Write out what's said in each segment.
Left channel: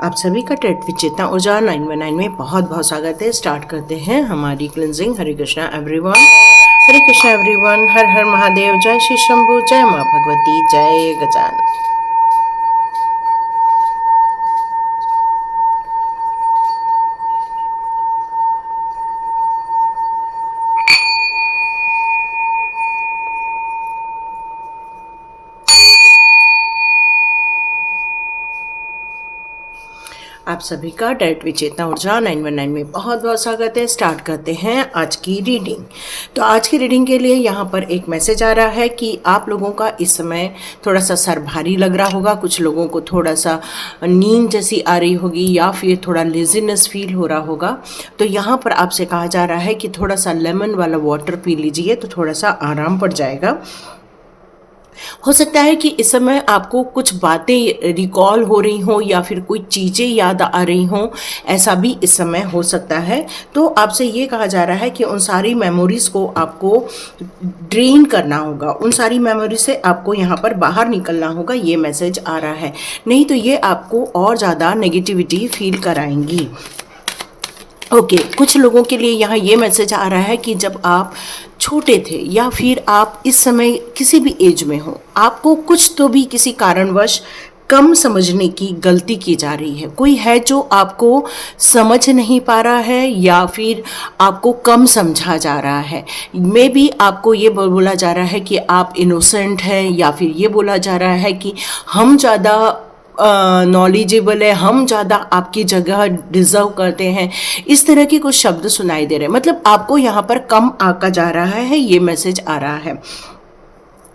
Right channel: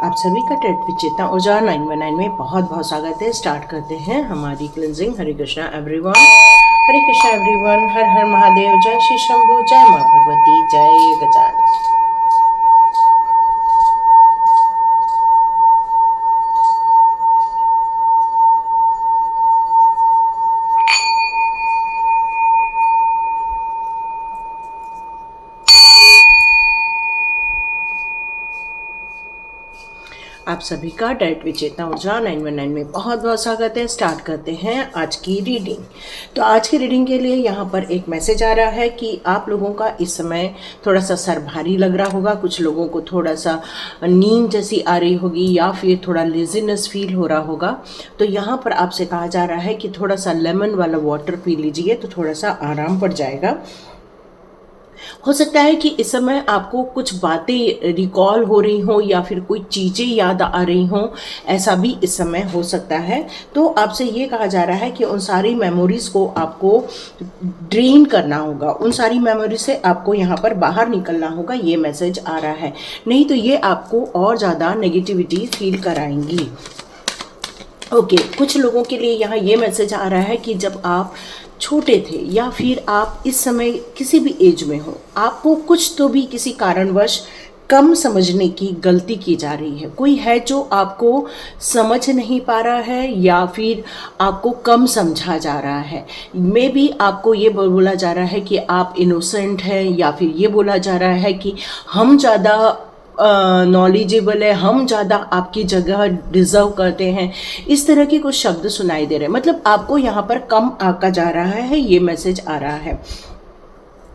आप सभी का टेट विद चेतना ऊर्जा 919 में बहुत बहुत स्वागत है। स्टार्ट करते हैं हमारी क्लिनजिंग। हरे कृष्णा एवरीवन, हरे कृष्णा एवरीवन। हर हर महादेव। जय श्री शंभू, जय माँ भगवती, जय गजानन। आप सभी का डायरेक्ट विचेतना ऊर्जा 919 में बहुत बहुत स्वागत है। स्टार्ट करते हैं आज की रीडिंग। तो आज की रीडिंग के लिए यहाँ पर एक मैसेज आ रहा है कि आप लोगों का इस समय थोड़ा सा सर भारी लग रहा होगा, कुछ लोगों को थोड़ा सा नींद जैसी आ रही होगी या फिर थोड़ा लेजीनेस फील हो रहा होगा। तो यहाँ पर आपसे कहा जा रहा है कि थोड़ा सा लेमन वाला वाटर पी लीजिए तो थोड़ा सा आराम पड़ जाएगा। हो सकता है कि इस समय आपको कुछ बातें रिकॉल हो रही हों या फिर कोई चीज़ें याद आ रही हों, ऐसा भी इस समय हो सकता है। तो आपसे ये कहा जा रहा है कि उन सारी मेमोरीज़ को आपको ड्रेन करना होगा, उन सारी मेमोरी से आपको यहाँ पर बाहर निकलना होगा। ये मैसेज आ रहा है, नहीं तो ये आपको और ज़्यादा नेगेटिविटी फील कराएंगी। ओके, कुछ लोगों के लिए यहाँ ये मैसेज आ रहा है कि जब आप छोटे थे या फिर आप इस समय किसी भी एज में हो, आपको कुछ तो भी किसी कारणवश कम समझने की गलती की जा रही है। कोई है जो आपको समझ नहीं पा रहा है या फिर आपको कम समझा जा रहा है। मे बी आपको ये बोला जा रहा है कि आप इनोसेंट हैं या फिर ये बोला जा रहा है कि हम ज़्यादा नॉलेजेबल है, हम ज़्यादा आपकी जगह डिज़र्व करते हैं। इस तरह के कुछ शब्द सुनाई दे रहे हैं, मतलब आपको यहाँ पर कम आका जा रहा है, ये मैसेज आ रहा है।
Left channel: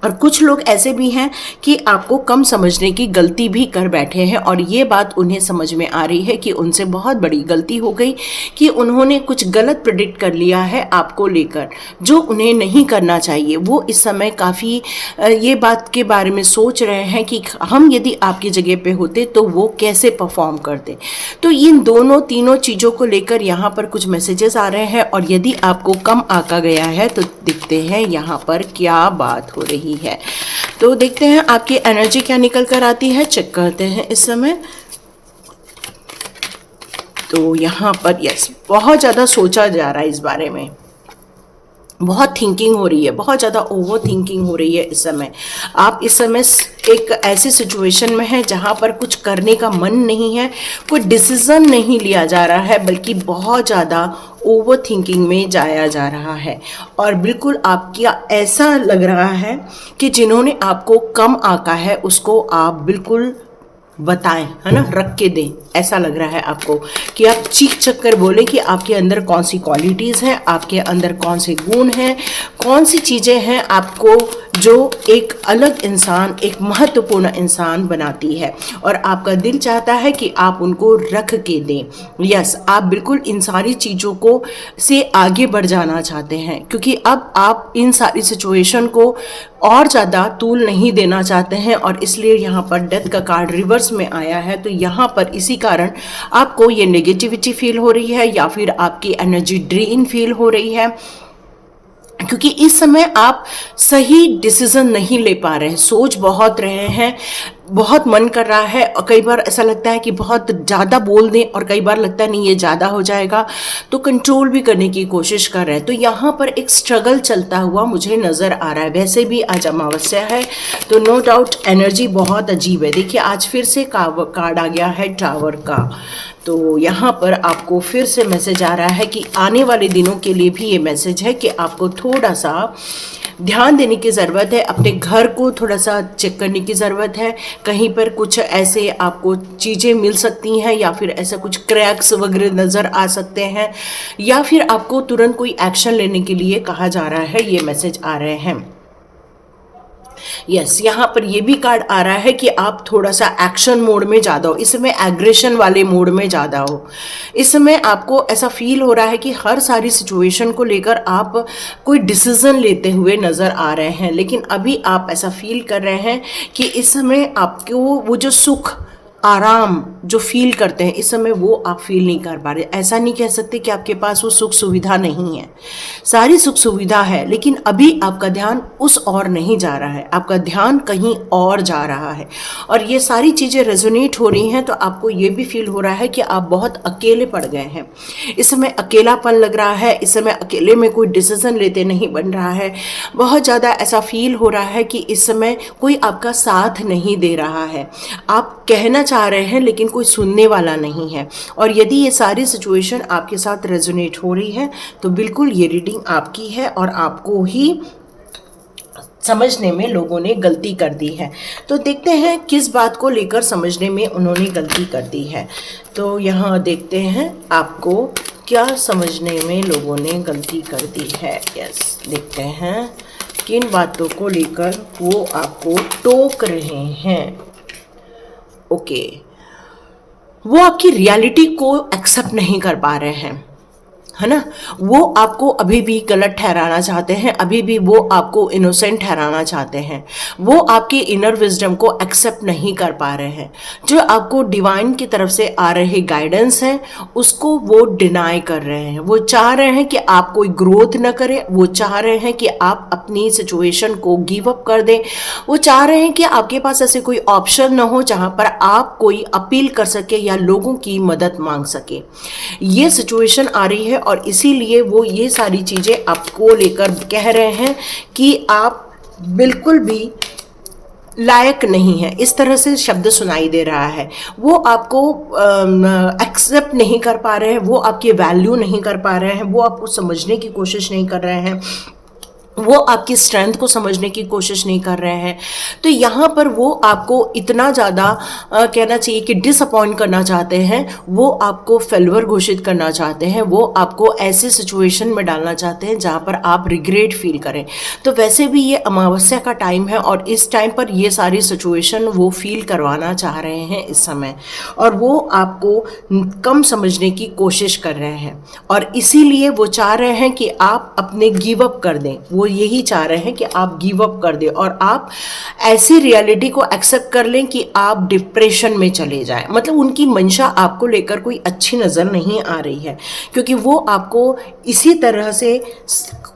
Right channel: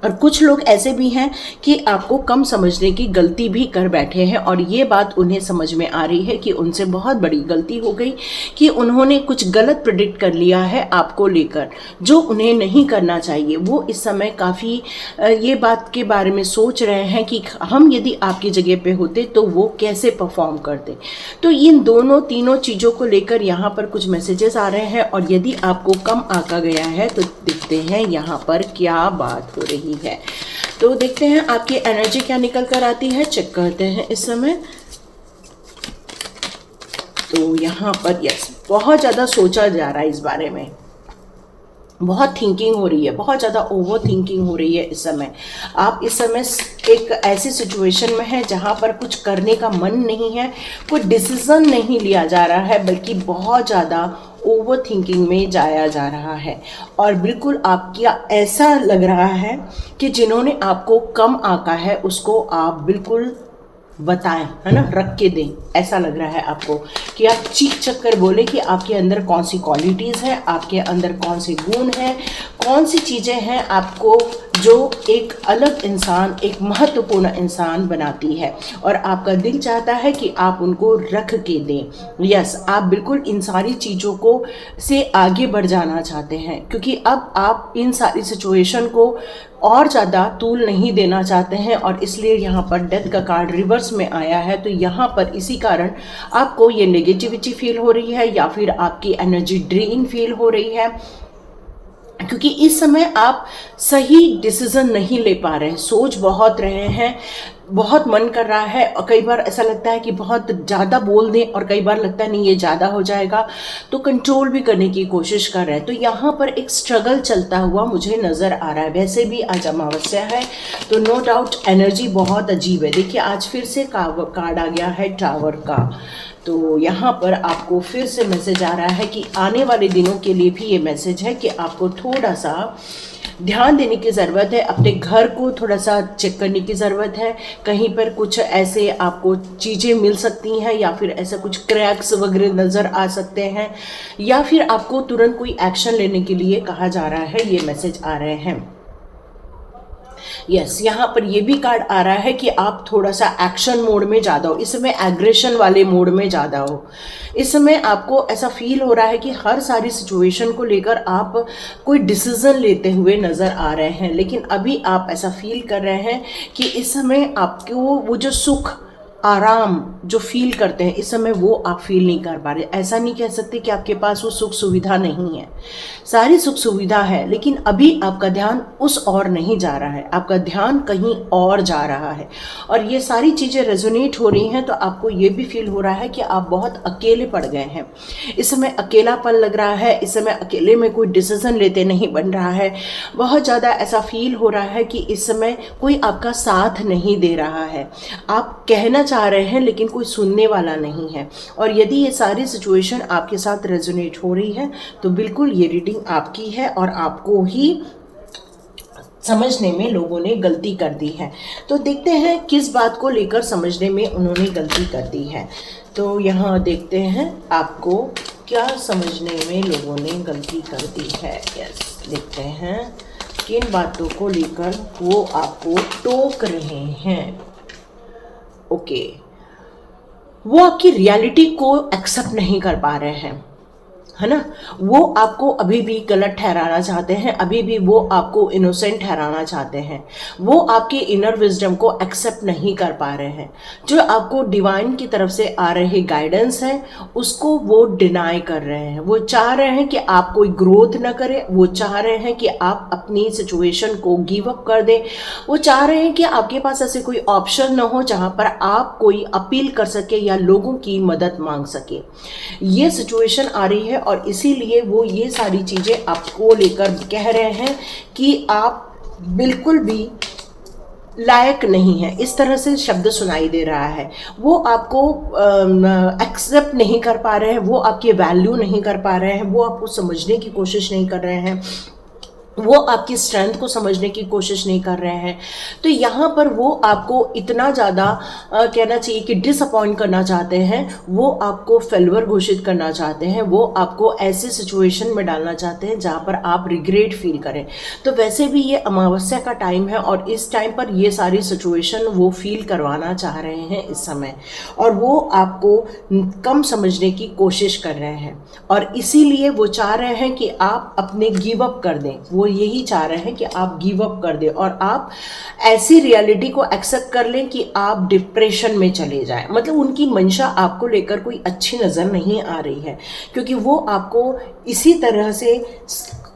और कुछ लोग ऐसे भी हैं कि आपको कम समझने की गलती भी कर बैठे हैं और ये बात उन्हें समझ में आ रही है कि उनसे बहुत बड़ी गलती हो गई, कि उन्होंने कुछ गलत प्रेडिक्ट कर लिया है आपको लेकर, जो उन्हें नहीं करना चाहिए। वो इस समय काफ़ी ये बात के बारे में सोच रहे हैं कि हम यदि आपकी जगह पे होते तो वो कैसे परफॉर्म करते। तो इन दोनों तीनों चीज़ों को लेकर यहाँ पर कुछ मैसेजेस आ रहे हैं और यदि आपको कम आका गया है तो देखते हैं यहाँ पर क्या बात हो रही है। तो देखते हैं आपकी एनर्जी क्या निकल कर आती है, चेक करते हैं इस समय। तो यहाँ पर यस, बहुत ज़्यादा सोचा जा रहा है इस बारे में, बहुत थिंकिंग हो रही है, बहुत ज़्यादा ओवर थिंकिंग हो रही है इस समय। आप इस समय एक ऐसी सिचुएशन में हैं जहाँ पर कुछ करने का मन नहीं है, कोई डिसीज़न नहीं लिया जा रहा है, बल्कि बहुत ज़्यादा ओवर थिंकिंग में जाया जा रहा है। और बिल्कुल आपका ऐसा लग रहा है कि जिन्होंने आपको कम आंका है उसको आप बिल्कुल बताएं, है ना, रख के दें। ऐसा लग रहा है आपको कि आप चीख चख कर बोले कि आपके अंदर कौन सी क्वालिटीज़ हैं, आपके अंदर कौन से गुण हैं, कौन सी चीज़ें हैं आपको जो एक अलग इंसान, एक महत्वपूर्ण इंसान बनाती है। और आपका दिल चाहता है कि आप उनको रख के दें। यस, आप बिल्कुल इन सारी चीज़ों को से आगे बढ़ जाना चाहते हैं, क्योंकि अब आप इन सारी सिचुएशन को और ज़्यादा तूल नहीं देना चाहते हैं। और इसलिए यहाँ पर डेथ का कार्ड रिवर्स में आया है। तो यहाँ पर इसी कारण आपको ये नेगेटिविटी फील हो रही है या फिर आपकी एनर्जी ड्रेन फील हो रही है, क्योंकि इस समय आप सही डिसीजन नहीं ले पा रहे हैं, सोच बहुत रहे हैं, बहुत मन कर रहा है और कई बार ऐसा लगता है कि बहुत ज़्यादा बोल दें और कई बार लगता है नहीं ये ज़्यादा हो जाएगा, तो कंट्रोल भी करने की कोशिश कर रहे हैं। तो यहाँ पर एक स्ट्रगल चलता हुआ मुझे नज़र आ रहा है। वैसे भी आज अमावस्या है तो नो डाउट एनर्जी बहुत अजीब है। देखिए आज फिर से कार्ड आ गया है टावर का। तो यहाँ पर आपको फिर से मैसेज आ रहा है कि आने वाले दिनों के लिए भी ये मैसेज है कि आपको थोड़ा सा ध्यान देने की ज़रूरत है, अपने घर को थोड़ा सा चेक करने की ज़रूरत है। कहीं पर कुछ ऐसे आपको चीज़ें मिल सकती हैं या फिर ऐसा कुछ क्रैक्स वगैरह नज़र आ सकते हैं, या फिर आपको तुरंत कोई एक्शन लेने के लिए कहा जा रहा है, ये मैसेज आ रहे हैं। यस, यहाँ पर ये भी कार्ड आ रहा है कि आप थोड़ा सा एक्शन मोड में ज़्यादा हो, इस समय एग्रेशन वाले मोड में ज़्यादा हो। इस समय आपको ऐसा फील हो रहा है कि हर सारी सिचुएशन को लेकर आप कोई डिसीजन लेते हुए नज़र आ रहे हैं, लेकिन अभी आप ऐसा फील कर रहे हैं कि इस समय आपको वो जो सुख आराम जो फील करते हैं इस समय वो आप फील नहीं कर पा रहे। ऐसा नहीं कह सकते कि आपके पास वो सुख सुविधा नहीं है, सारी सुख सुविधा है, लेकिन अभी आपका ध्यान उस और नहीं जा रहा है, आपका ध्यान कहीं और जा रहा है। और ये सारी चीज़ें रेजोनेट हो रही हैं तो आपको ये भी फील हो रहा है कि आप बहुत अकेले पड़ गए हैं। इस समय अकेलापन लग रहा है, इस समय अकेले में कोई डिसीजन लेते नहीं बन रहा है। बहुत ज़्यादा ऐसा फील हो रहा है कि इस समय कोई आपका साथ नहीं दे रहा है। आप कहना चाह रहे हैं लेकिन कोई सुनने वाला नहीं है। और यदि ये सारी सिचुएशन आपके साथ रेजोनेट हो रही है तो बिल्कुल ये रीडिंग आपकी है और आपको ही समझने में लोगों ने गलती कर दी है। तो देखते हैं किस बात को लेकर समझने में उन्होंने गलती कर दी है। तो यहाँ देखते हैं आपको क्या समझने में लोगों ने गलती कर दी है। यस, देखते हैं किन बातों को लेकर वो आपको टोक रहे हैं। ओके, वो आपकी रियलिटी को एक्सेप्ट नहीं कर पा रहे हैं, है ना। वो आपको अभी भी गलत ठहराना चाहते हैं, अभी भी वो आपको इनोसेंट ठहराना चाहते हैं। वो आपके इनर विजडम को एक्सेप्ट नहीं कर पा रहे हैं। जो आपको डिवाइन की तरफ से आ रही गाइडेंस है उसको वो डिनाई कर रहे हैं। वो चाह रहे हैं कि आप कोई ग्रोथ न करें, वो चाह रहे हैं कि आप अपनी सिचुएशन को गिव अप कर दें। वो चाह रहे हैं कि आपके पास ऐसे कोई ऑप्शन न हो जहाँ पर आप कोई अपील कर सके या लोगों की मदद मांग सके। ये सिचुएशन आ रही है और इसीलिए वो ये सारी चीज़ें आपको लेकर कह रहे हैं कि आप बिल्कुल भी लायक नहीं है। इस तरह से शब्द सुनाई दे रहा है। वो आपको एक्सेप्ट नहीं कर पा रहे हैं, वो आपकी वैल्यू नहीं कर पा रहे हैं, वो आपको समझने की कोशिश नहीं कर रहे हैं, वो आपकी स्ट्रेंथ को समझने की कोशिश नहीं कर रहे हैं। तो यहाँ पर वो आपको इतना ज़्यादा कहना चाहिए कि डिसअपॉइंट करना चाहते हैं, वो आपको फेल्यूर घोषित करना चाहते हैं, वो आपको ऐसी सिचुएशन में डालना चाहते हैं जहाँ पर आप रिग्रेट फील करें। तो वैसे भी ये अमावस्या का टाइम है और इस टाइम पर ये सारी सिचुएशन वो फील करवाना चाह रहे हैं इस समय, और वो आपको कम समझने की कोशिश कर रहे हैं और इसीलिए वो चाह रहे हैं कि आप अपने गिव अप कर दें। वो यही चाह रहे हैं कि आप गिव अप कर दें और आप ऐसी रियलिटी को एक्सेप्ट कर लें कि आप डिप्रेशन में चले जाएं। मतलब उनकी मंशा आपको लेकर कोई अच्छी नज़र नहीं आ रही है, क्योंकि वो आपको इसी तरह से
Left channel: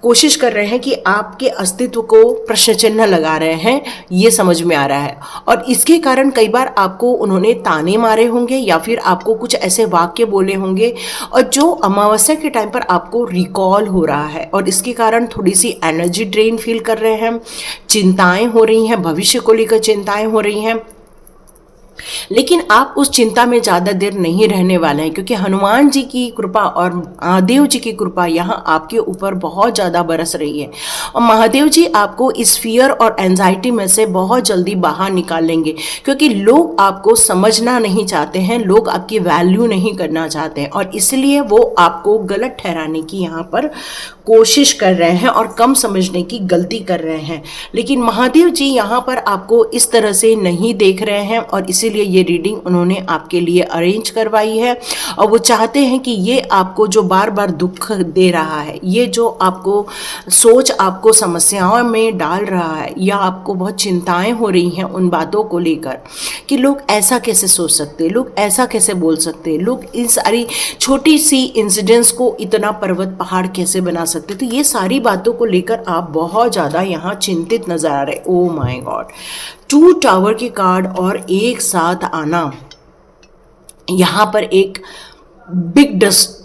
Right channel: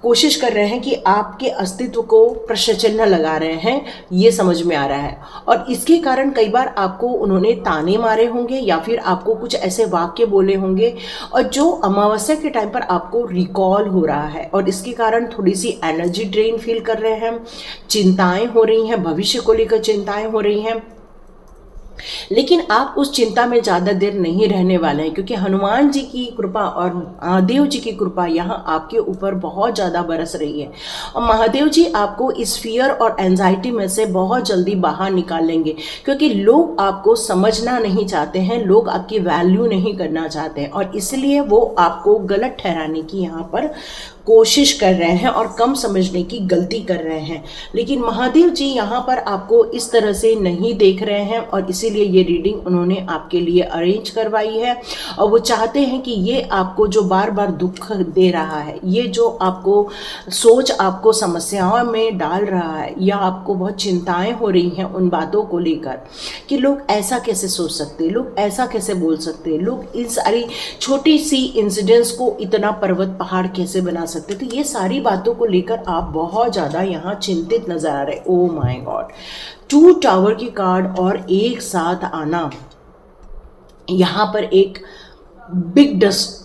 कोशिश कर रहे हैं कि आपके अस्तित्व को प्रश्न चिन्ह लगा रहे हैं, ये समझ में आ रहा है। और इसके कारण कई बार आपको उन्होंने ताने मारे होंगे या फिर आपको कुछ ऐसे वाक्य बोले होंगे और जो अमावस्या के टाइम पर आपको रिकॉल हो रहा है और इसके कारण थोड़ी सी एनर्जी ड्रेन फील कर रहे हैं, चिंताएं हो रही हैं, भविष्य को लेकर चिंताएं हो रही हैं। लेकिन आप उस चिंता में ज़्यादा देर नहीं रहने वाले हैं, क्योंकि हनुमान जी की कृपा और महादेव जी की कृपा यहाँ आपके ऊपर बहुत ज़्यादा बरस रही है और महादेव जी आपको इस फियर और एंजाइटी में से बहुत जल्दी बाहर निकाल लेंगे, क्योंकि लोग आपको समझना नहीं चाहते हैं, लोग आपकी वैल्यू नहीं करना चाहते हैं और इसलिए वो आपको गलत ठहराने की यहाँ पर कोशिश कर रहे हैं और कम समझने की गलती कर रहे हैं। लेकिन महादेव जी यहाँ पर आपको इस तरह से नहीं देख रहे हैं और इसीलिए ये रीडिंग उन्होंने आपके लिए अरेंज करवाई है और वो चाहते हैं कि ये आपको जो बार बार दुख दे रहा है, ये जो आपको सोच आपको समस्याओं में डाल रहा है या आपको बहुत चिंताएं हो रही हैं उन बातों को लेकर कि लोग ऐसा कैसे सोच सकते, लोग ऐसा कैसे बोल सकते, लोग इन सारी छोटी सी इंसिडेंट्स को इतना पर्वत पहाड़ कैसे बना सकते। तो ये सारी बातों को लेकर आप बहुत ज़्यादा यहाँ चिंतित नजर आ रहे। ओ माय गॉड, 2 टावर की कार्ड और एक साथ आना यहाँ पर एक बिग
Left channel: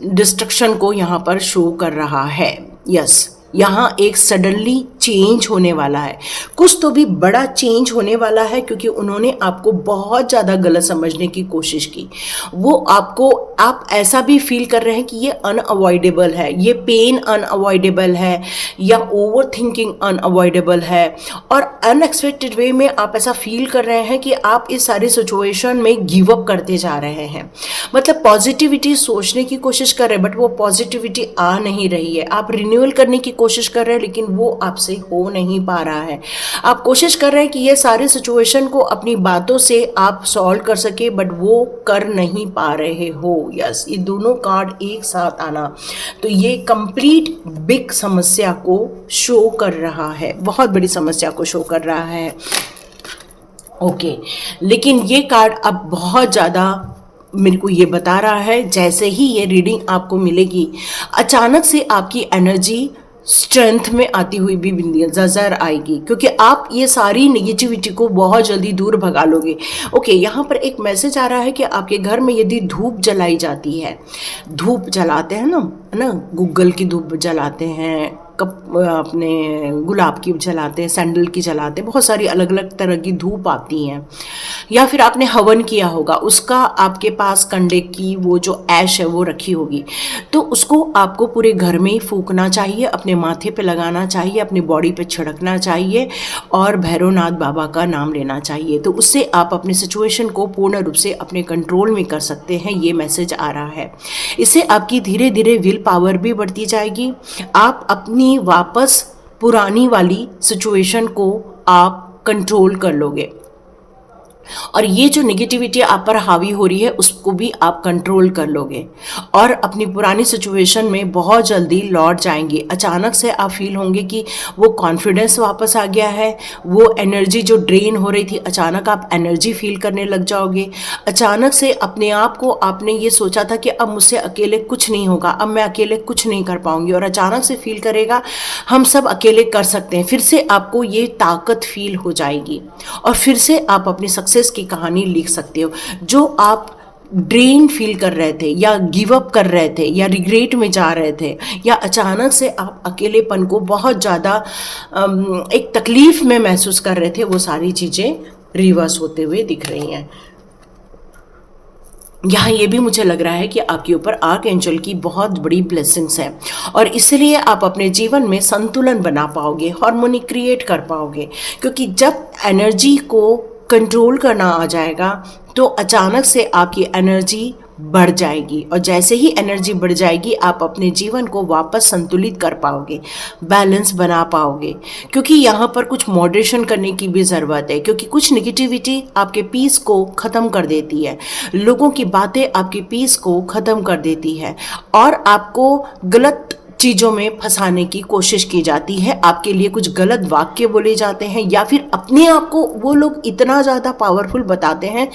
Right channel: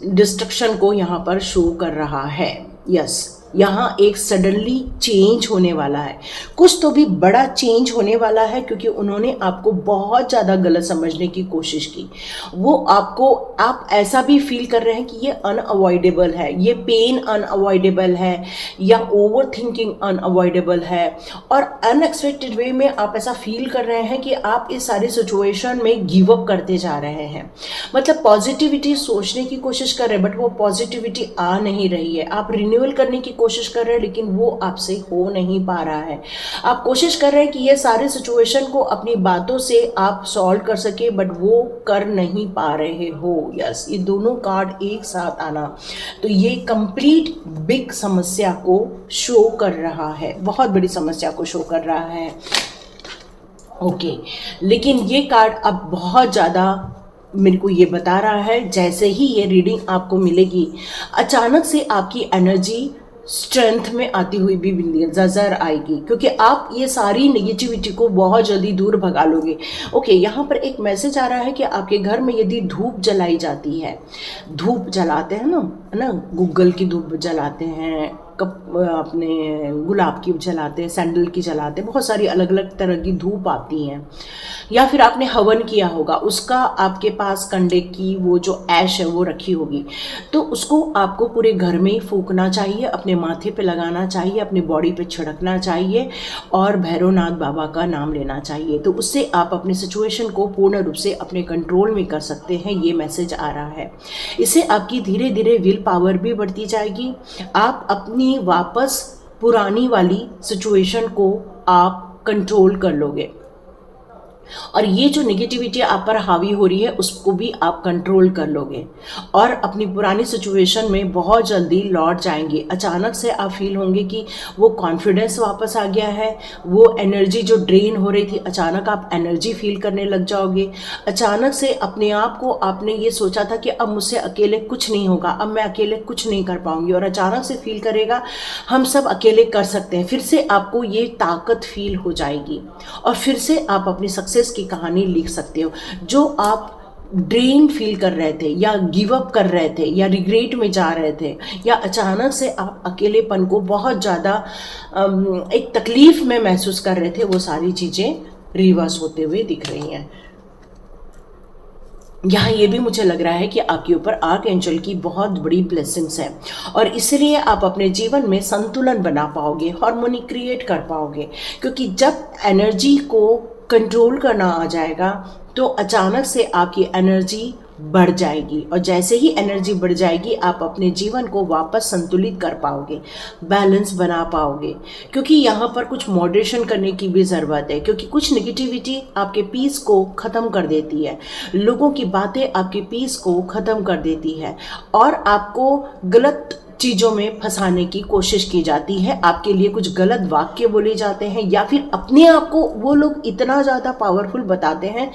डिस्ट्रक्शन को यहाँ पर शो कर रहा है। यस, यहाँ एक सडनली चेंज होने वाला है, कुछ तो भी बड़ा चेंज होने वाला है, क्योंकि उन्होंने आपको बहुत ज़्यादा गलत समझने की कोशिश की। वो आपको, आप ऐसा भी फील कर रहे हैं कि ये अनअवॉइडेबल है, ये पेन अनअवॉइडेबल है या ओवर थिंकिंग अनअवॉइडेबल है और अनएक्सपेक्टेड वे में आप ऐसा फील कर रहे हैं कि आप इस सारी सिचुएशन में गिव अप करते जा रहे हैं। मतलब पॉजिटिविटी सोचने की कोशिश कर रहे हैं बट वो पॉजिटिविटी आ नहीं रही है। आप रिन्यूअल करने की कोशिश कर रहे हैं लेकिन वो आपसे हो नहीं पा रहा है। आप कोशिश कर रहे हैं कि ये सारे सिचुएशन को अपनी बातों से आप सॉल्व कर सके बट वो कर नहीं पा रहे हो। यस, ये दोनों कार्ड एक साथ आना तो ये कंप्लीट बिग समस्या को शो कर रहा है, बहुत बड़ी समस्या को शो कर रहा है। ओके, लेकिन ये कार्ड अब बहुत ज़्यादा मेरे को ये बता रहा है, जैसे ही ये रीडिंग आपको मिलेगी अचानक से आपकी एनर्जी स्ट्रेंथ में आती हुई भी नजर आएगी, क्योंकि आप ये सारी नेगेटिविटी को बहुत जल्दी दूर भगा लोगे। ओके, यहाँ पर एक मैसेज आ रहा है कि आपके घर में यदि धूप जलाई जाती है, धूप जलाते हैं ना, है ना, गूगल की धूप जलाते हैं, अपने गुलाब की जलाते हैं, सैंडल की जलाते हैं, बहुत सारी अलग अलग तरह की धूप आती हैं, या फिर आपने हवन किया होगा, उसका आपके पास कंडे की वो जो ऐश है वो रखी होगी, तो उसको आपको पूरे घर में ही फूकना चाहिए, अपने माथे पे लगाना चाहिए, अपनी बॉडी पे छिड़कना चाहिए और भैरवनाथ बाबा का नाम लेना चाहिए। तो उससे आप अपने सिचुएशन को पूर्ण रूप से अपने कंट्रोल में कर सकते हैं, ये मैसेज आ रहा है। इससे आपकी धीरे धीरे विल पावर भी बढ़ती जाएगी, आप अपनी वापस पुरानी वाली सिचुएशन को आप कंट्रोल कर लोगे, और ये जो निगेटिविटी आप पर हावी हो रही है उसको भी आप कंट्रोल कर लोगे और अपनी पुरानी सिचुएशन में बहुत जल्दी लौट जाएंगे। अचानक से आप फील होंगे कि वो कॉन्फिडेंस वापस आ गया है, वो एनर्जी जो ड्रेन हो रही थी अचानक आप एनर्जी फील करने लग जाओगे। अचानक से अपने आप को आपने ये सोचा था कि अब मुझसे अकेले कुछ नहीं होगा, अब मैं अकेले कुछ नहीं कर पाऊंगी, और अचानक से फील करेगा हम सब अकेले कर सकते हैं। फिर से आपको ये ताकत फील हो जाएगी और फिर से आप अपनी सक्सेस की कहानी लिख सकते हो। जो आप ड्रेन फील कर रहे थे या गिव अप कर रहे थे या रिग्रेट में जा रहे थे या अचानक से आप अकेलेपन को बहुत ज़्यादा एक तकलीफ में महसूस कर रहे थे, वो सारी चीज़ें रिवर्स होते हुए दिख रही हैं। यहाँ ये भी मुझे लग रहा है कि आपके ऊपर आर्क एंजल की बहुत बड़ी ब्लेसिंग्स है और इसलिए आप अपने जीवन में संतुलन बना पाओगे, हार्मोनी क्रिएट कर पाओगे, क्योंकि जब एनर्जी को कंट्रोल करना आ जाएगा तो अचानक से आपकी एनर्जी बढ़ जाएगी और जैसे ही एनर्जी बढ़ जाएगी आप अपने जीवन को वापस संतुलित कर पाओगे, बैलेंस बना पाओगे। क्योंकि यहाँ पर कुछ मॉडरेशन करने की भी ज़रूरत है, क्योंकि कुछ नेगेटिविटी आपके पीस को ख़त्म कर देती है, लोगों की बातें आपके पीस को ख़त्म कर देती है और आपको गलत चीज़ों में फंसाने की कोशिश की जाती है, आपके लिए कुछ गलत वाक्य बोले जाते हैं या फिर अपने आप को वो लोग इतना ज़्यादा पावरफुल बताते हैं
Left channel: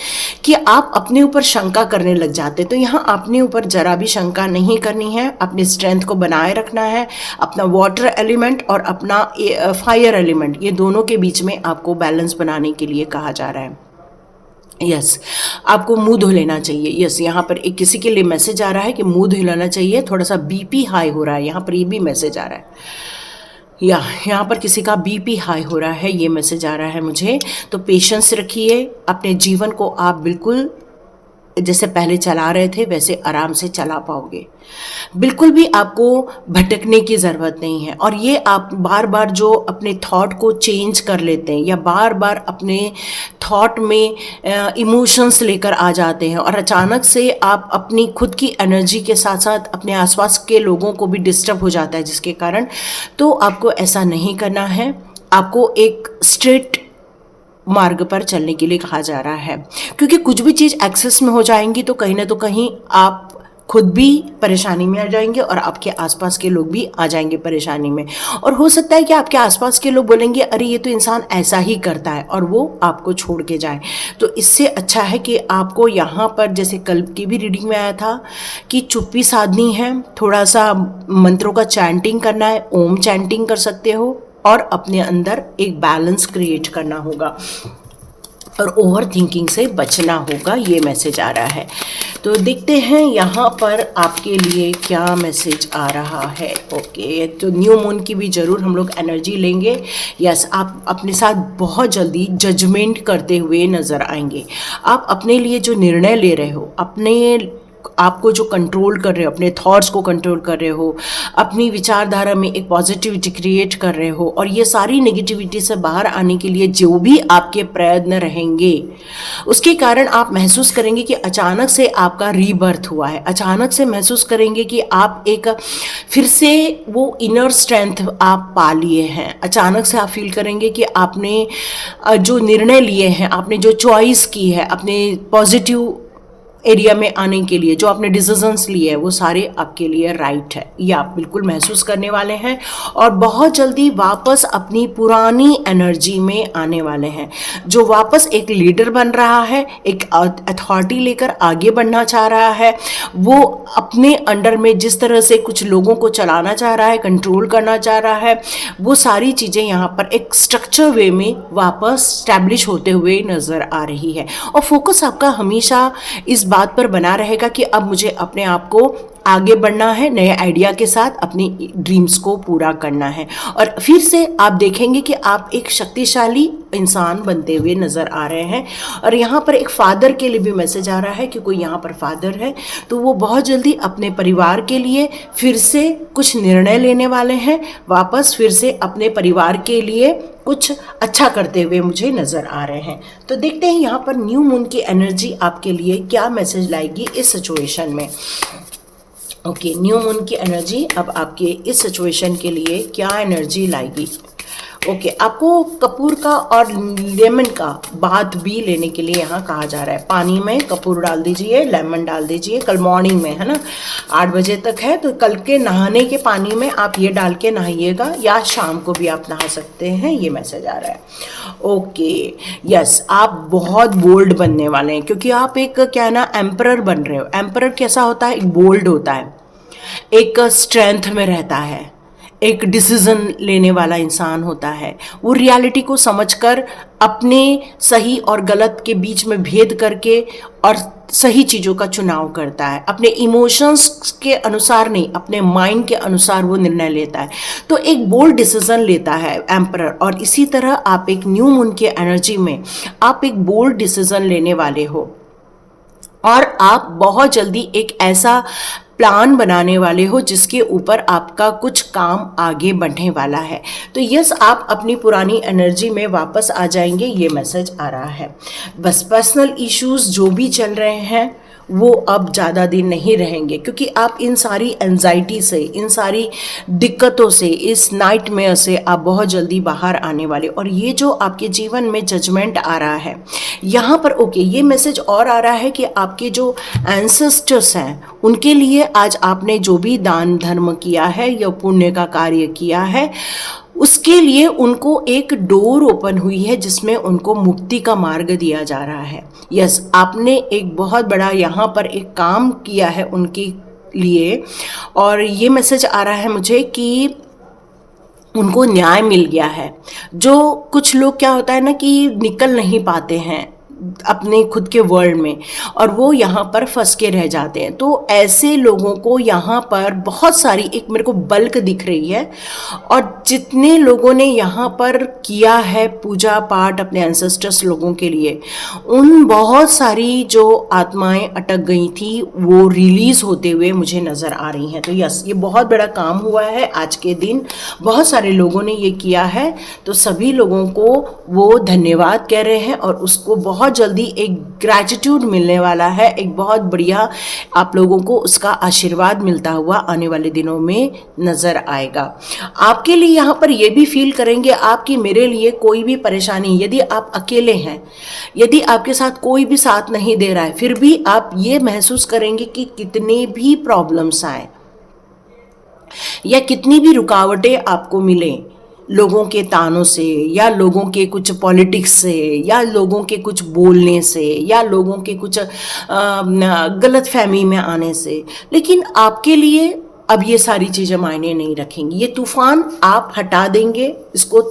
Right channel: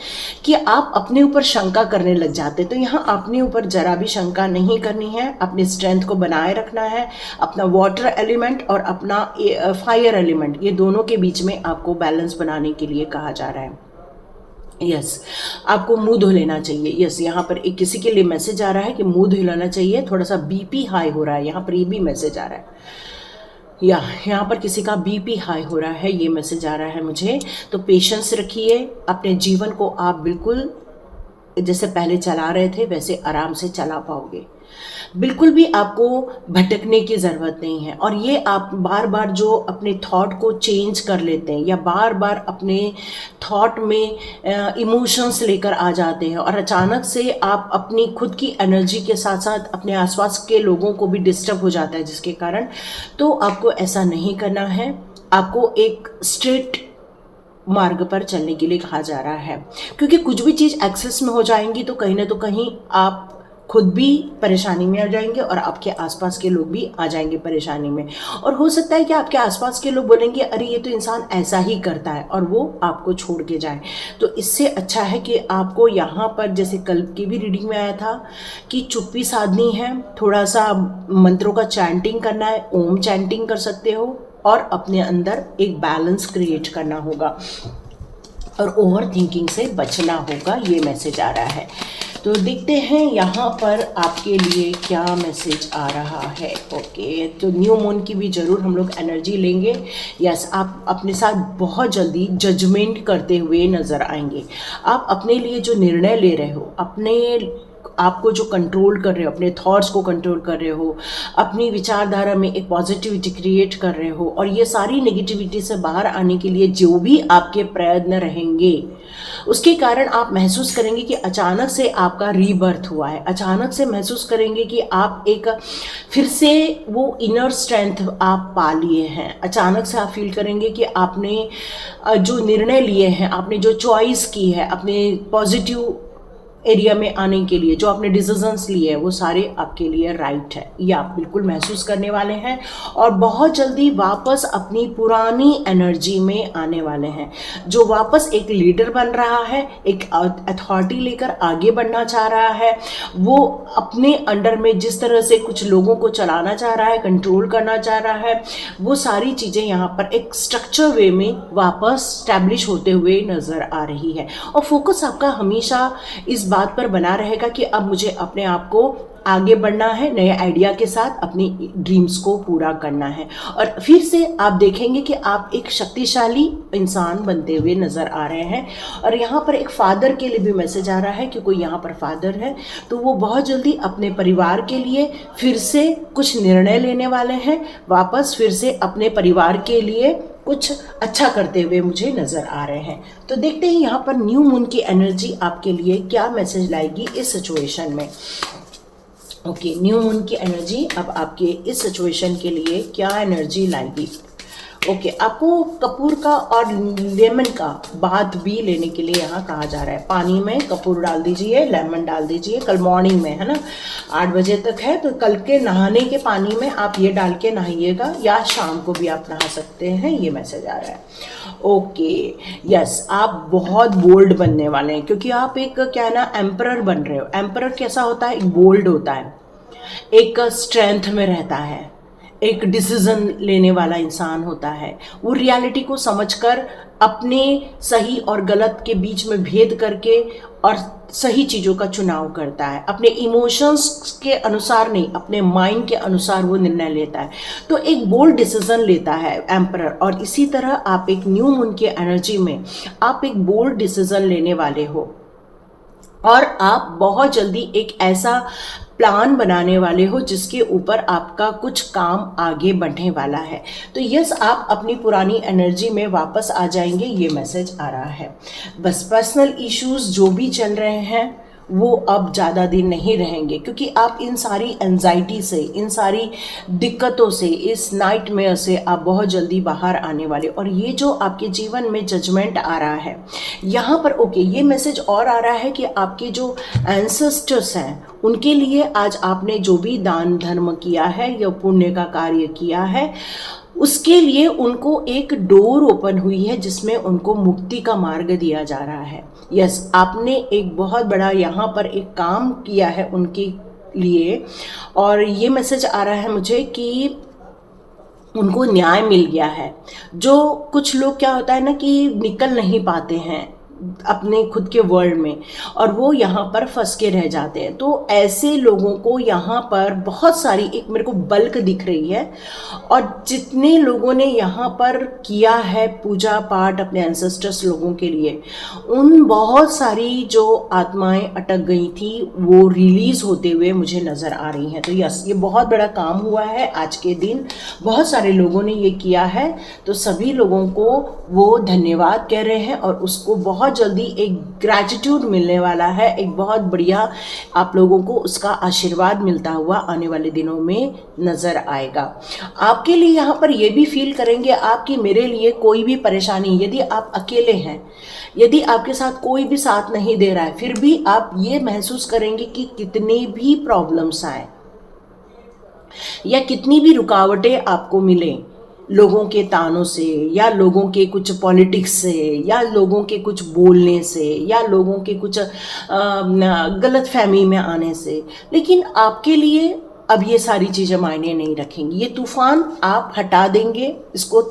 कि आप अपने ऊपर शंका करने लग जाते हैं। तो यहाँ अपने ऊपर जरा भी शंका नहीं करनी है, अपनी स्ट्रेंथ को बनाए रखना है, अपना वाटर एलिमेंट और अपना फायर एलिमेंट, ये दोनों के बीच में आपको बैलेंस बनाने के लिए कहा जा रहा है। यस, आपको मुंह धो लेना चाहिए। यस, यहाँ पर एक किसी के लिए मैसेज आ रहा है कि मुंह धो लेना चाहिए, थोड़ा सा बीपी हाई हो रहा है, यहाँ पर ये भी मैसेज आ रहा है, या यहाँ पर किसी का बीपी हाई हो रहा है, ये मैसेज आ रहा है मुझे। तो पेशेंस रखिए, अपने जीवन को आप बिल्कुल जैसे पहले चला रहे थे वैसे आराम से चला पाओगे, बिल्कुल भी आपको भटकने की ज़रूरत नहीं है। और ये आप बार बार जो अपने थॉट को चेंज कर लेते हैं या बार बार अपने थॉट में इमोशंस लेकर आ जाते हैं और अचानक से आप अपनी खुद की एनर्जी के साथ साथ अपने आसपास के लोगों को भी डिस्टर्ब हो जाता है जिसके कारण, तो आपको ऐसा नहीं करना है। आपको एक स्ट्रेट मार्ग पर चलने के लिए कहा जा रहा है, क्योंकि कुछ भी चीज़ एक्सेस में हो जाएंगी तो कहीं ना तो कहीं आप खुद भी परेशानी में आ जाएंगे और आपके आसपास के लोग भी आ जाएंगे परेशानी में। और हो सकता है कि आपके आसपास के लोग बोलेंगे अरे ये तो इंसान ऐसा ही करता है, और वो आपको छोड़ के जाए। तो इससे अच्छा है कि आपको यहाँ पर जैसे कल की भी रीडिंग में आया था कि चुप्पी साधनी है, थोड़ा सा मंत्रों का चैंटिंग करना है, ओम चैंटिंग कर सकते हो और अपने अंदर एक बैलेंस क्रिएट करना होगा और ओवर थिंकिंग से बचना होगा, ये मैसेज आ रहा है। तो देखते हैं यहाँ पर आपके लिए क्या मैसेज आ रहा है। ओके, तो न्यू मून की भी ज़रूर हम लोग एनर्जी लेंगे। यस, आप अपने साथ बहुत जल्दी जजमेंट करते हुए नज़र आएंगे। आप अपने लिए जो निर्णय ले रहे हो, अपने आपको जो कंट्रोल कर रहे हो, अपने थॉट्स को कंट्रोल कर रहे हो, अपनी विचारधारा में एक पॉजिटिविटी क्रिएट कर रहे हो, और ये सारी नेगेटिविटी से बाहर आने के लिए जो भी आपके प्रयत्न रहेंगे उसके कारण आप महसूस करेंगे कि अचानक से आपका रीबर्थ हुआ है। अचानक से महसूस करेंगे कि आप एक फिर से वो इनर स्ट्रेंथ आप पा लिए हैं। अचानक से आप फील करेंगे कि आपने जो निर्णय लिए हैं, आपने जो चॉइस की है, अपने पॉजिटिव एरिया में आने के लिए जो आपने डिसीजंस लिए हैं वो सारे आपके लिए राइट है, ये आप बिल्कुल महसूस करने वाले हैं और बहुत जल्दी वापस अपनी पुरानी एनर्जी में आने वाले हैं। जो वापस एक लीडर बन रहा है, एक अथॉरिटी लेकर आगे बढ़ना चाह रहा है, वो अपने अंडर में जिस तरह से कुछ लोगों को चलाना चाह रहा है, कंट्रोल करना चाह रहा है, वो सारी चीज़ें यहाँ पर एक स्ट्रक्चर वे में वापस स्टैब्लिश होते हुए नज़र आ रही है। और फोकस आपका हमेशा इस बात पर बना रहेगा कि अब मुझे अपने आप को आगे बढ़ना है, नए आइडिया के साथ अपनी ड्रीम्स को पूरा करना है। और फिर से आप देखेंगे कि आप एक शक्तिशाली इंसान बनते हुए नज़र आ रहे हैं। और यहाँ पर एक फादर के लिए भी मैसेज आ रहा है कि कोई यहाँ पर फादर है तो वो बहुत जल्दी अपने परिवार के लिए फिर से कुछ निर्णय लेने वाले हैं, वापस फिर से अपने परिवार के लिए कुछ अच्छा करते हुए मुझे नज़र आ रहे हैं। तो देखते हैं यहाँ पर न्यू मून की एनर्जी आपके लिए क्या मैसेज लाएगी इस सिचुएशन में। ओके, न्यू मून की एनर्जी अब आपके इस सिचुएशन के लिए क्या एनर्जी लाएगी। ओके, आपको कपूर का और लेमन का बाथ भी लेने के लिए यहाँ कहा जा रहा है। पानी में कपूर डाल दीजिए, लेमन डाल दीजिए, कल मॉर्निंग में, है ना, 8 बजे तक है तो कल के नहाने के पानी में आप ये डाल के नहाइएगा, या शाम को भी आप नहा सकते हैं, ये मैसेज आ रहा है। ओके, यस, आप बहुत बोल्ड बनने वाले हैं क्योंकि आप एक क्या है ना, एम्परर बन रहे हो। एम्परर कैसा होता है, एक बोल्ड होता है, एक स्ट्रेंथ में रहता है, एक डिसीजन लेने वाला इंसान होता है। वो रियलिटी को समझकर अपने सही और गलत के बीच में भेद करके और सही चीज़ों का चुनाव करता है। अपने इमोशंस के अनुसार नहीं, अपने माइंड के अनुसार वो निर्णय लेता है। तो एक बोल्ड डिसीजन लेता है एम्परर। और इसी तरह आप एक न्यू मून की एनर्जी में आप एक बोल्ड डिसीजन लेने वाले हो और आप बहुत जल्दी एक ऐसा प्लान बनाने वाले हो जिसके ऊपर आपका कुछ काम आगे बढ़ने वाला है। तो यस, आप अपनी पुरानी एनर्जी में वापस आ जाएंगे, ये मैसेज आ रहा है। बस पर्सनल इश्यूज जो भी चल रहे हैं वो अब ज़्यादा दिन नहीं रहेंगे क्योंकि आप इन सारी एंजाइटी से, इन सारी दिक्कतों से, इस नाइटमेयर से आप बहुत जल्दी बाहर आने वाले। और ये जो आपके जीवन में जजमेंट आ रहा है यहाँ पर, ओके, ये मैसेज और आ रहा है कि आपके जो एंसेस्टर्स हैं उनके लिए आज आपने जो भी दान धर्म किया है या पुण्य का कार्य किया है उसके लिए उनको एक डोर ओपन हुई है जिसमें उनको मुक्ति का मार्ग दिया जा रहा है। यस, आपने एक बहुत बड़ा यहाँ पर एक काम किया है उनके लिए और ये मैसेज आ रहा है मुझे कि उनको न्याय मिल गया है। जो कुछ लोग क्या होता है ना कि निकल नहीं पाते हैं अपने खुद के वर्ल्ड में और वो यहाँ पर फंस के रह जाते हैं, तो ऐसे लोगों को यहाँ पर बहुत सारी एक मेरे को बल्क दिख रही है। और जितने लोगों ने यहाँ पर किया है पूजा पाठ अपने एंसेस्टर्स लोगों के लिए, उन बहुत सारी जो आत्माएं अटक गई थी वो रिलीज़ होते हुए मुझे नज़र आ रही हैं। तो यस, ये बहुत बड़ा काम हुआ है आज के दिन, बहुत सारे लोगों ने ये किया है, तो सभी लोगों को वो धन्यवाद कह रहे हैं और उसको बहुत जल्दी एक ग्रैटिट्यूड मिलने वाला है, एक बहुत बढ़िया आप लोगों को उसका आशीर्वाद मिलता हुआ आने वाले दिनों में नजर आएगा। आपके लिए यहाँ पर ये भी फील करेंगे आप कि मेरे लिए कोई भी परेशानी, यदि आप अकेले हैं, यदि आपके साथ कोई भी साथ नहीं दे रहा है, फिर भी आप ये महसूस करेंगे कि कितने भी प्रॉब्लम्स आए या कितनी भी रुकावटें आपको मिलें, लोगों के तानों से या लोगों के कुछ पॉलिटिक्स से या लोगों के कुछ बोलने से या लोगों के कुछ गलत फहमी में आने से, लेकिन आपके लिए अब ये सारी चीज़ें मायने नहीं रखेंगी। ये तूफान आप हटा देंगे, इसको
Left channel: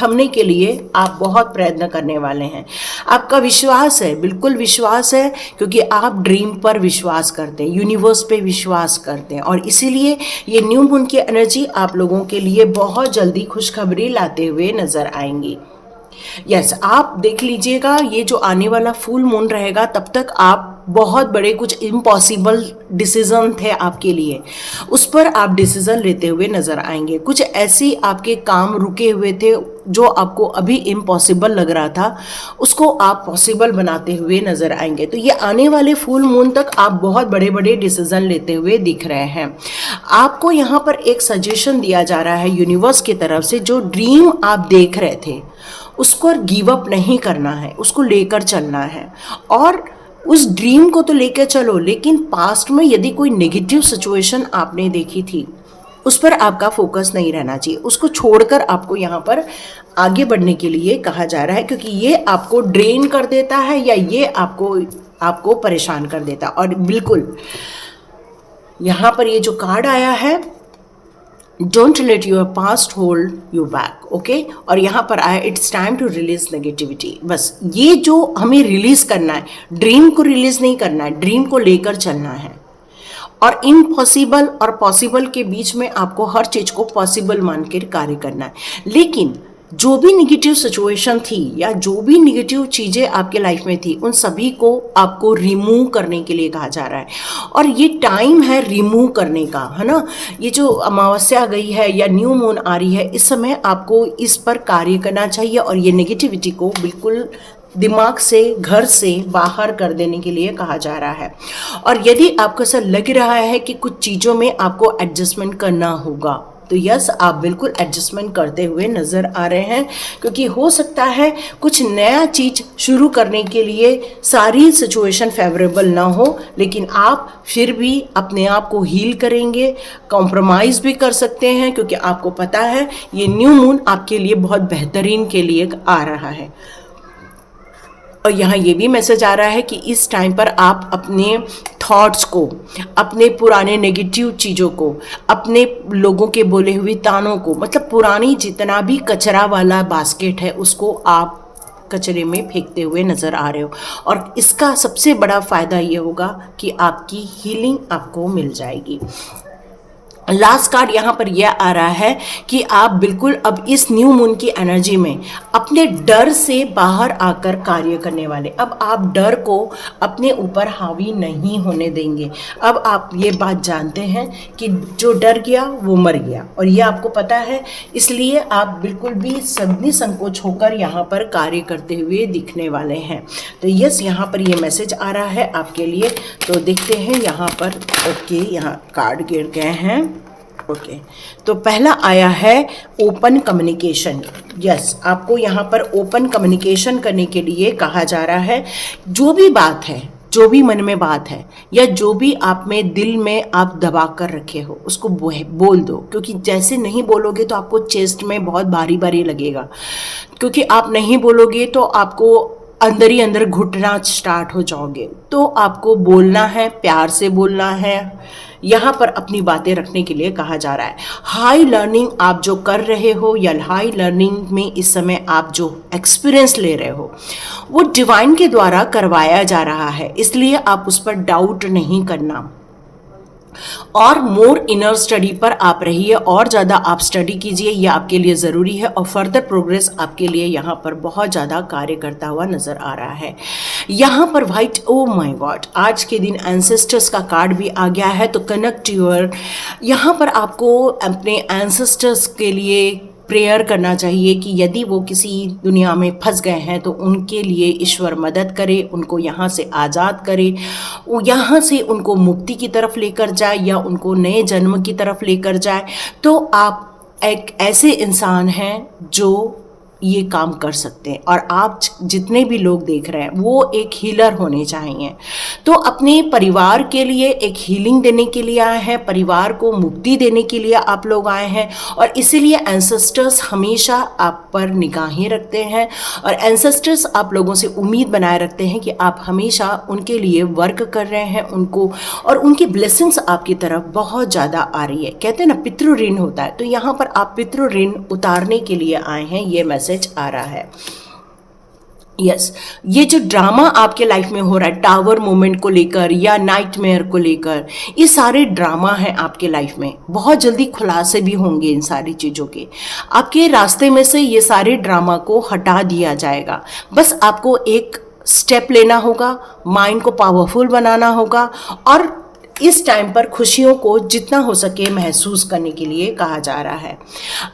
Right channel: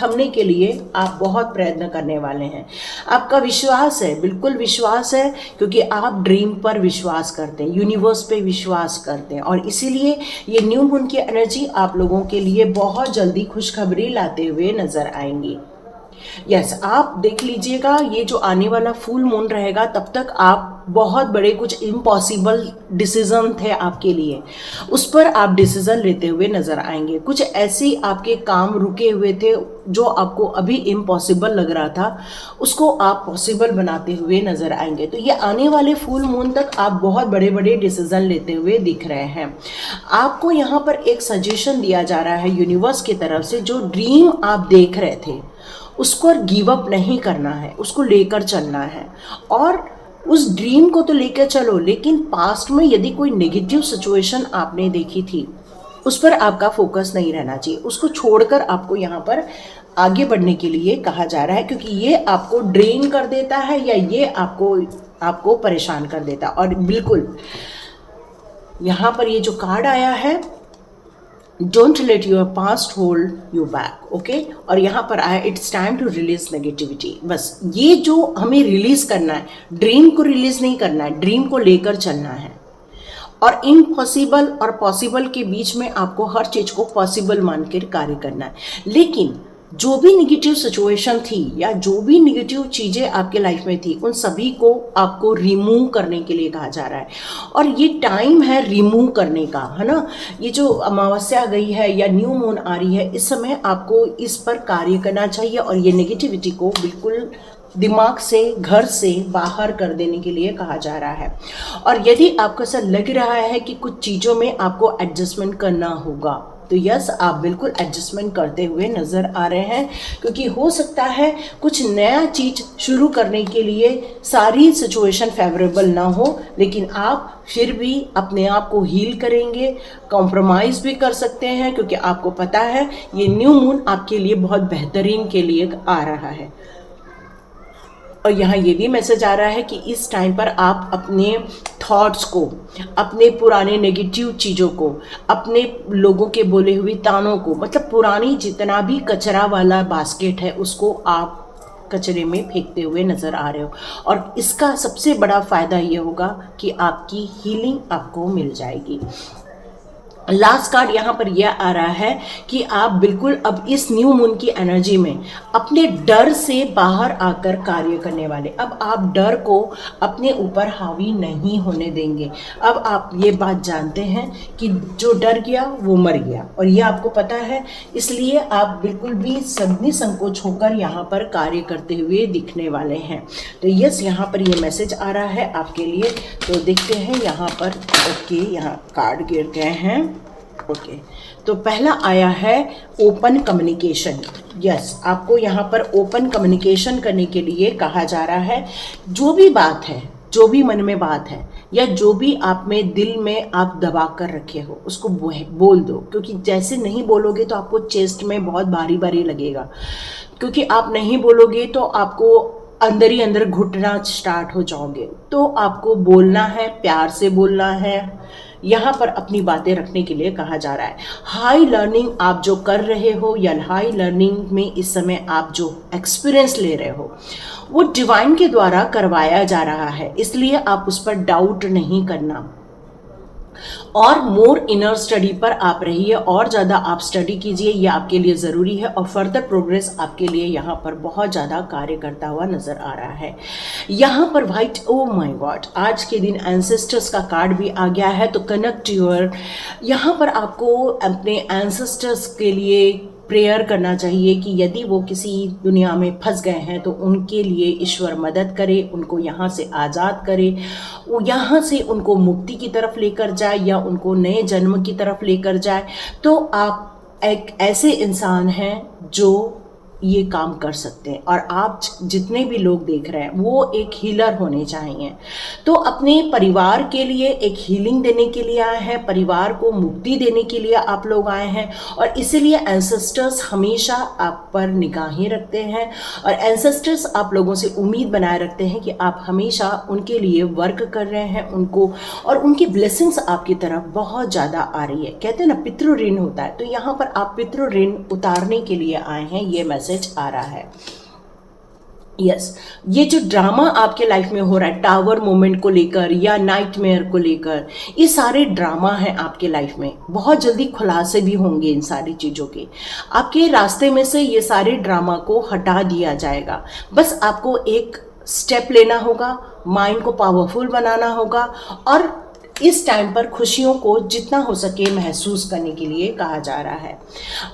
थमने के लिए आप बहुत प्रयत्न करने वाले हैं। आपका विश्वास है, बिल्कुल विश्वास है, क्योंकि आप ड्रीम पर विश्वास करते हैं, यूनिवर्स पे विश्वास करते हैं और इसीलिए ये न्यू मून की एनर्जी आप लोगों के लिए बहुत जल्दी खुशखबरी लाते हुए नजर आएंगी। यस, आप देख लीजिएगा ये जो आने वाला फुल मून रहेगा तब तक आप बहुत बड़े कुछ इम्पॉसिबल डिसीजन थे आपके लिए, उस पर आप डिसीजन लेते हुए नजर आएंगे। कुछ ऐसे आपके काम रुके हुए थे जो आपको अभी इम्पॉसिबल लग रहा था, उसको आप पॉसिबल बनाते हुए नजर आएंगे। तो ये आने वाले फुल मून तक आप बहुत बड़े बड़े डिसीजन लेते हुए दिख रहे हैं। आपको यहाँ पर एक सजेशन दिया जा रहा है यूनिवर्स की तरफ से, जो ड्रीम आप देख रहे थे उसको गिव अप नहीं करना है, उसको लेकर चलना है और उस ड्रीम को तो लेकर चलो, लेकिन पास्ट में यदि कोई नेगेटिव सिचुएशन आपने देखी थी उस पर आपका फोकस नहीं रहना चाहिए, उसको छोड़कर आपको यहाँ पर आगे बढ़ने के लिए कहा जा रहा है, क्योंकि ये आपको ड्रेन कर देता है या ये आपको परेशान कर देता है। और बिल्कुल यहाँ पर ये जो कार्ड आया है, don't let your past hold you back, okay. और यहाँ पर आया it's time to release negativity. बस ये जो हमें रिलीज करना है, ड्रीम को रिलीज नहीं करना है, ड्रीम को लेकर चलना है। और इम्पॉसिबल और पॉसिबल के बीच में आपको हर चीज को पॉसिबल मान के कार्य करना है। लेकिन जो भी निगेटिव सिचुएशन थी या जो भी निगेटिव चीज़ें आपके लाइफ में थी, उन सभी को आपको रिमूव करने के लिए कहा जा रहा है। और ये टाइम है रिमूव करने का, है ना। ये जो अमावस्या गई है या न्यू मून आ रही है, इस समय आपको इस पर कार्य करना चाहिए और ये नेगेटिविटी को बिल्कुल दिमाग से, घर से बाहर कर देने के लिए कहा जा रहा है। और यदि आपको ऐसा लग रहा है कि कुछ चीज़ों में आपको एडजस्टमेंट करना होगा, तो यस, आप बिल्कुल एडजस्टमेंट करते हुए नज़र आ रहे हैं, क्योंकि हो सकता है कुछ नया चीज़ शुरू करने के लिए सारी सिचुएशन फेवरेबल ना हो, लेकिन आप फिर भी अपने आप को हील करेंगे, कॉम्प्रोमाइज़ भी कर सकते हैं, क्योंकि आपको पता है ये न्यू मून आपके लिए बहुत बेहतरीन के लिए आ रहा है। और यहाँ ये भी मैसेज आ रहा है कि इस टाइम पर आप अपने थॉट्स को, अपने पुराने नेगेटिव चीज़ों को, अपने लोगों के बोले हुए तानों को, मतलब पुरानी जितना भी कचरा वाला बास्केट है उसको आप कचरे में फेंकते हुए नज़र आ रहे हो। और इसका सबसे बड़ा फ़ायदा ये होगा कि आपकी हीलिंग आपको मिल जाएगी। लास्ट कार्ड यहाँ पर यह आ रहा है कि आप बिल्कुल अब इस न्यू मून की एनर्जी में अपने डर से बाहर आकर कार्य करने वाले। अब आप डर को अपने ऊपर हावी नहीं होने देंगे। अब आप ये बात जानते हैं कि जो डर गया वो मर गया, और ये आपको पता है, इसलिए आप बिल्कुल भी निसंकोच होकर यहाँ पर कार्य करते हुए दिखने वाले हैं। तो यस, यहाँ पर ये मैसेज आ रहा है आपके लिए। तो देखते हैं यहाँ पर, ओके, यहाँ कार्ड गिर गए हैं, ओके। तो पहला आया है ओपन कम्युनिकेशन। यस, आपको यहाँ पर ओपन कम्युनिकेशन करने के लिए कहा जा रहा है। जो भी बात है, जो भी मन में बात है, या जो भी आप में दिल में आप दबा कर रखे हो, उसको बोल दो, क्योंकि जैसे नहीं बोलोगे तो आपको चेस्ट में बहुत भारी भारी लगेगा, क्योंकि आप नहीं बोलोगे तो आपको अंदर ही अंदर घुटना स्टार्ट हो जाओगे। तो आपको बोलना है, प्यार से बोलना है, यहाँ पर अपनी बातें रखने के लिए कहा जा रहा है। हाई लर्निंग आप जो कर रहे हो या हाई लर्निंग में इस समय आप जो एक्सपीरियंस ले रहे हो वो डिवाइन के द्वारा करवाया जा रहा है, इसलिए आप उस पर डाउट नहीं करना। और मोर इनर स्टडी पर आप रहिए, और ज़्यादा आप स्टडी कीजिए, ये आपके लिए ज़रूरी है। और फर्दर प्रोग्रेस आपके लिए यहाँ पर बहुत ज़्यादा कार्य करता हुआ नज़र आ रहा है। यहाँ पर वाइट, ओ माय गॉड, आज के दिन एंसेस्टर्स का कार्ड भी आ गया है। तो कनेक्ट योर, यहाँ पर आपको अपने एंसेस्टर्स के लिए प्रेयर करना चाहिए कि यदि वो किसी दुनिया में फंस गए हैं तो उनके लिए ईश्वर मदद करे, उनको यहाँ से आज़ाद करे, वो यहाँ से उनको मुक्ति की तरफ लेकर जाए या उनको नए जन्म की तरफ लेकर जाए। तो आप एक ऐसे इंसान हैं जो ये काम कर सकते हैं, और आप जितने भी लोग देख रहे हैं वो एक हीलर होने चाहिए। तो अपने परिवार के लिए एक हीलिंग देने के लिए आए हैं, परिवार को मुक्ति देने के लिए आप लोग आए हैं, और इसीलिए एंसेस्टर्स हमेशा आप पर निगाहें रखते हैं, और एंसेस्टर्स आप लोगों से उम्मीद बनाए रखते हैं कि आप हमेशा उनके लिए वर्क कर रहे हैं, उनको, और उनकी ब्लेसिंग्स आपकी तरफ बहुत ज़्यादा आ रही है। कहते हैं ना, पितृ ऋण होता है, तो यहाँ पर आप पितृ ऋण उतारने के लिए आए हैं, ये मैसेज आ रहा है। यस, ये जो ड्रामा आपके लाइफ में हो रहा है टावर मोमेंट को लेकर या नाइटमेयर को लेकर, ये सारे ड्रामा हैं आपके लाइफ में। बहुत जल्दी खुलासे भी होंगे इन सारी चीज़ों के। आपके रास्ते में से ये सारे ड्रामा को हटा दिया जाएगा। बस आपको एक स्टेप लेना होगा, माइंड को पावरफुल बनाना होगा, और इस टाइम पर खुशियों को जितना हो सके महसूस करने के लिए कहा जा रहा है।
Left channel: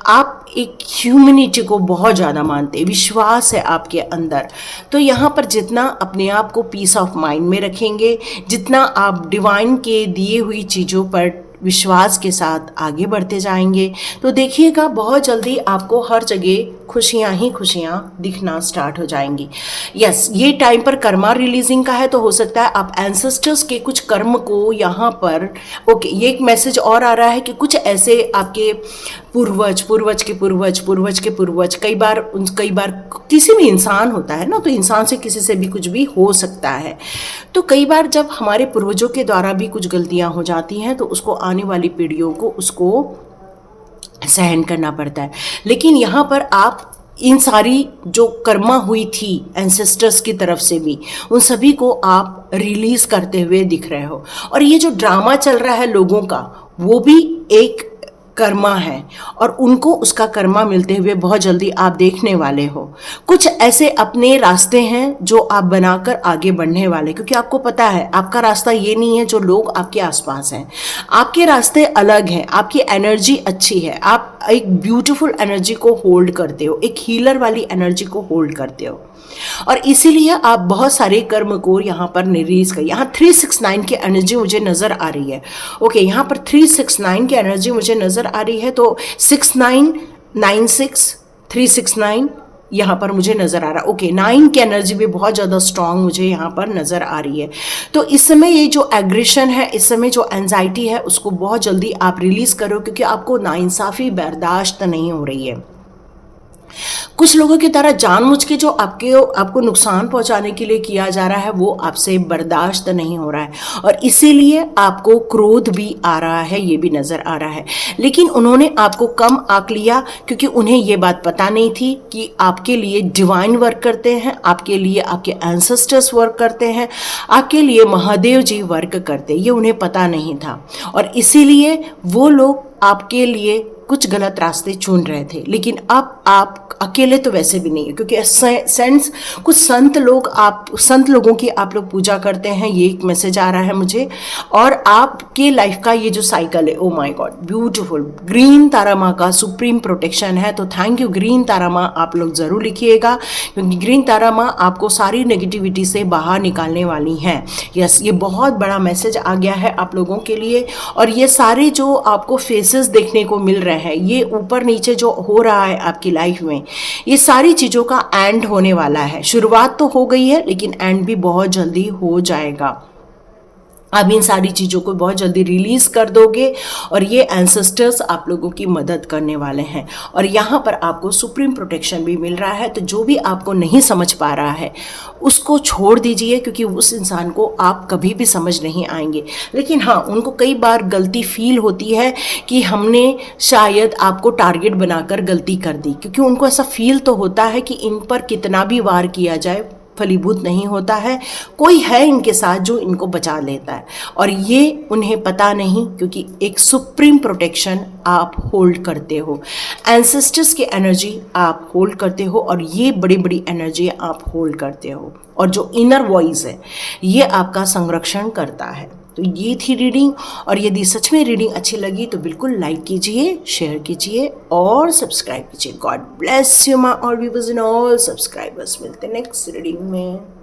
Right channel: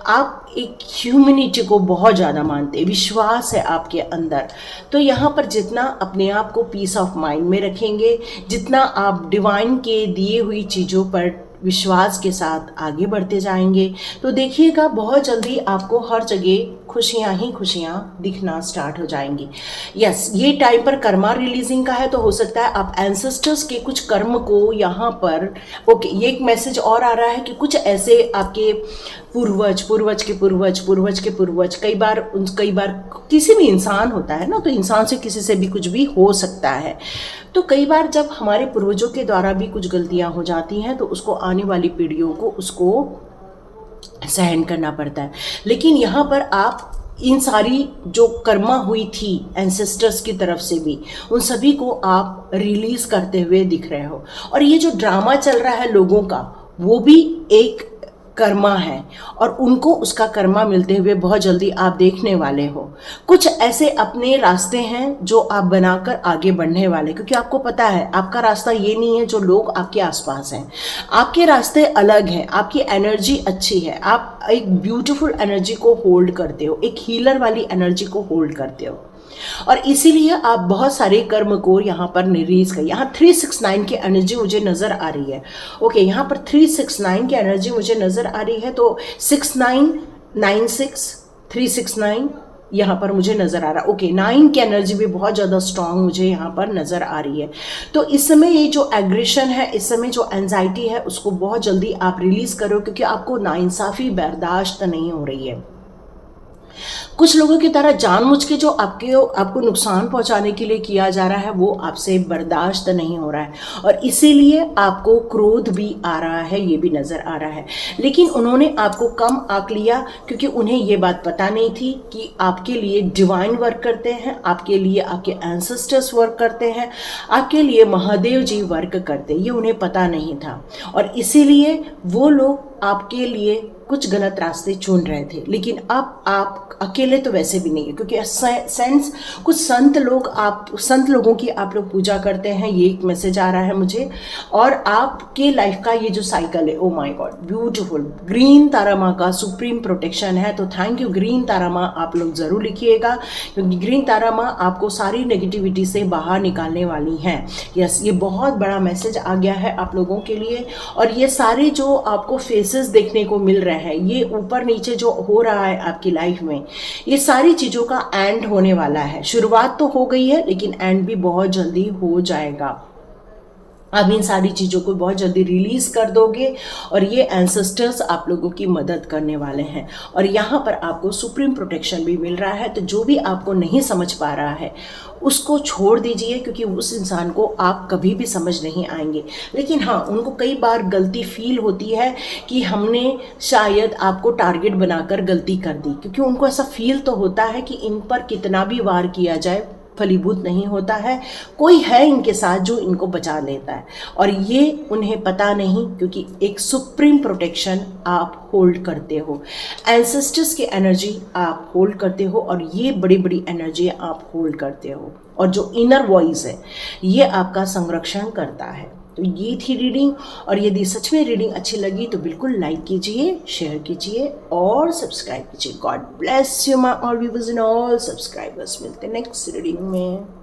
आप एक ह्यूमैनिटी को बहुत ज़्यादा मानते हैं, विश्वास है आपके अंदर। तो यहाँ पर जितना अपने आप को पीस ऑफ माइंड में रखेंगे, जितना आप डिवाइन के दिए हुई चीज़ों पर विश्वास के साथ आगे बढ़ते जाएंगे, तो देखिएगा बहुत जल्दी आपको हर जगह खुशियाँ ही खुशियाँ दिखना स्टार्ट हो जाएंगी। यस, ये टाइम पर कर्मा रिलीजिंग का है, तो हो सकता है आप एंसेस्टर्स के कुछ कर्म को यहाँ पर ये एक मैसेज और आ रहा है कि कुछ ऐसे आपके पूर्वज पूर्वज के पूर्वज पूर्वज के पूर्वज, कई बार किसी भी इंसान होता है ना, तो इंसान से किसी से भी कुछ भी हो सकता है। तो कई बार जब हमारे पूर्वजों के द्वारा भी कुछ गलतियां हो जाती हैं तो उसको आने वाली पीढ़ियों को उसको सहन करना पड़ता है। लेकिन यहाँ पर आप इन सारी जो कर्मा हुई थी एंसेस्टर्स की तरफ से भी, उन सभी को आप रिलीज करते हुए दिख रहे हो। और ये जो ड्रामा चल रहा है लोगों का, वो भी एक कर्मा है और उनको उसका कर्मा मिलते हुए बहुत जल्दी आप देखने वाले हो। कुछ ऐसे अपने रास्ते हैं जो आप बनाकर आगे बढ़ने वाले, क्योंकि आपको पता है आपका रास्ता ये नहीं है जो लोग आपके आसपास हैं। आपके रास्ते अलग हैं, आपकी एनर्जी अच्छी है, आप एक ब्यूटीफुल एनर्जी को होल्ड करते हो, एक हीलर वाली एनर्जी को होल्ड करते हो, और इसीलिए आप बहुत सारे कर्म को यहाँ पर रिलीज कर। यहाँ 369 की एनर्जी मुझे नज़र आ रही है। ओके, यहाँ पर 369 की एनर्जी मुझे नज़र आ रही है, तो 6996 369 यहाँ पर मुझे नज़र आ रहा है। ओके, 9 की एनर्जी भी बहुत ज़्यादा स्ट्रांग मुझे यहाँ पर नज़र आ रही है। तो इस समय ये जो एग्रेशन है, इस समय जो एंजाइटी है, उसको बहुत जल्दी आप रिलीज़ करो, क्योंकि आपको नाइंसाफ़ी बर्दाश्त नहीं हो रही है। कुछ लोगों की तरह जानबूझ के जो आपको नुकसान पहुंचाने के लिए किया जा रहा है, वो आपसे बर्दाश्त नहीं हो रहा है, और इसीलिए आपको क्रोध भी आ रहा है, ये भी नज़र आ रहा है। लेकिन उन्होंने आपको कम आंक लिया, क्योंकि उन्हें ये बात पता नहीं थी कि आपके लिए डिवाइन वर्क करते हैं, आपके लिए आपके एंसेस्टर्स वर्क करते हैं, आपके लिए महादेव जी वर्क करते हैं, ये उन्हें पता नहीं था। और इसीलिए वो लोग आपके लिए कुछ गलत रास्ते चुन रहे थे। लेकिन अब आप अकेले तो वैसे भी नहीं है, क्योंकि सेंस कुछ संत लोगों की आप लोग पूजा करते हैं, ये एक मैसेज आ रहा है मुझे। और आपके लाइफ का ये जो साइकिल है, oh my God beautiful, green Tara माँ का सुप्रीम प्रोटेक्शन है। तो थैंक यू ग्रीन तारा माँ, आप लोग ज़रूर लिखिएगा, क्योंकि ग्रीन तारा माँ आपको सारी नेगेटिविटी से बाहर निकालने वाली हैं। यस, ये बहुत बड़ा मैसेज आ गया है आप लोगों के लिए। और ये सारे जो आपको फेसेस देखने को मिल रहे हैं, ये ऊपर नीचे जो हो रहा है आपकी लाइफ में, ये सारी चीज़ों का एंड होने वाला है। शुरुआत तो हो गई है, लेकिन एंड भी बहुत जल्दी हो जाएगा। आप इन सारी चीज़ों को बहुत जल्दी रिलीज़ कर दोगे, और ये एंसेस्टर्स आप लोगों की मदद करने वाले हैं। और यहाँ पर आपको सुप्रीम प्रोटेक्शन भी मिल रहा है। तो जो भी आपको नहीं समझ पा रहा है उसको छोड़ दीजिए, क्योंकि उस इंसान को आप कभी भी समझ नहीं आएंगे। लेकिन हाँ, उनको कई बार गलती फील होती है कि हमने शायद आपको टारगेट बनाकर गलती कर दी, क्योंकि उनको ऐसा फील तो होता है कि इन पर कितना भी वार किया जाए फलीभूत नहीं होता है, कोई है इनके साथ जो इनको बचा लेता है। और ये उन्हें पता नहीं, क्योंकि एक सुप्रीम प्रोटेक्शन आप होल्ड करते हो, एंसेस्टर्स की एनर्जी आप होल्ड करते हो, और ये बड़ी बड़ी एनर्जी आप होल्ड करते हो। और जो इनर वॉइस है, ये आपका संरक्षण करता है। तो ये थी रीडिंग, और यदि सच में रीडिंग अच्छी लगी तो बिल्कुल लाइक कीजिए, शेयर कीजिए और सब्सक्राइब कीजिए। God bless you my all viewers and all subscribers. मिलते हैं नेक्स्ट रीडिंग में।